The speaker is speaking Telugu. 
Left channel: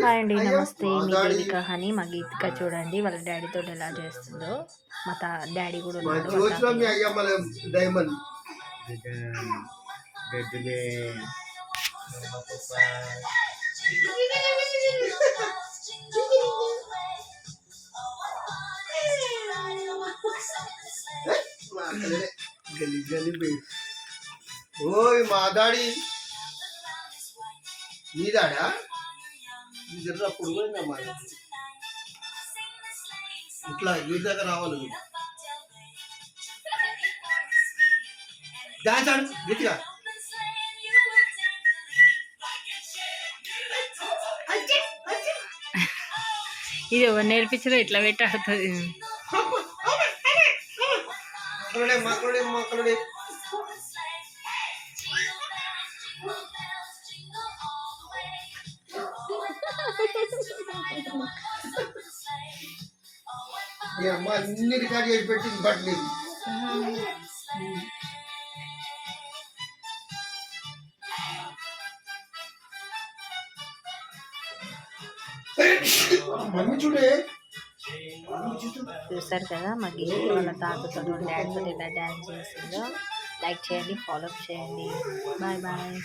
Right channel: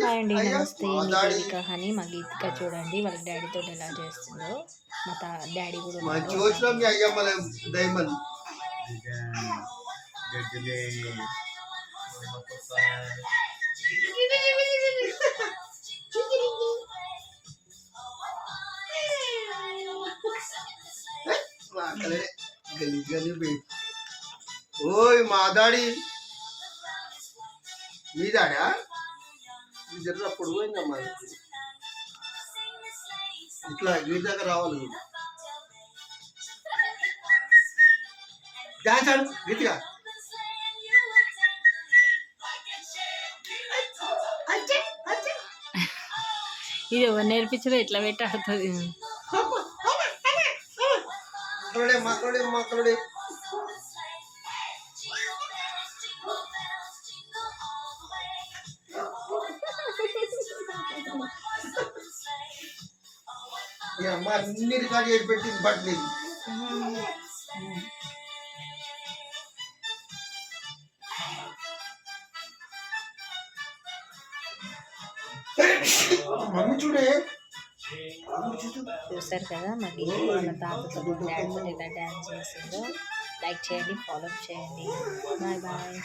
హాయ్ అండి, నమస్తే. మీ దేవిక హనీ. మా గీతిక చూడండి వాళ్ళ డాడీతో ఎలా చేస్తుందో. మా డాడీ కూడా ఉన్నాడు. ఓయ్ మా డాడీ మీ డాడా మీ దగ్గర అప్పుడు పోయిందమ్మా ఇట్లా వీడి దగ్గర రావాలి డాన్స్ ఆడు గట్టిగా ఇది ఎవరు నేర్పించదో ఇట్లా పెట్టి ఆడుతుంది. మాట్లాడే అమ్మ అన్ని రికార్డ్ చేసి పెట్టింది బట్ లేదు. మమ్మీ చూడే చూసారు కదా మా గీతి వాళ్ళ తాతతో డాడీతో ఎలా డ్యాన్స్ చేసిందో. లైక్ చేయండి, ఫాలో చేయండి. Bye bye.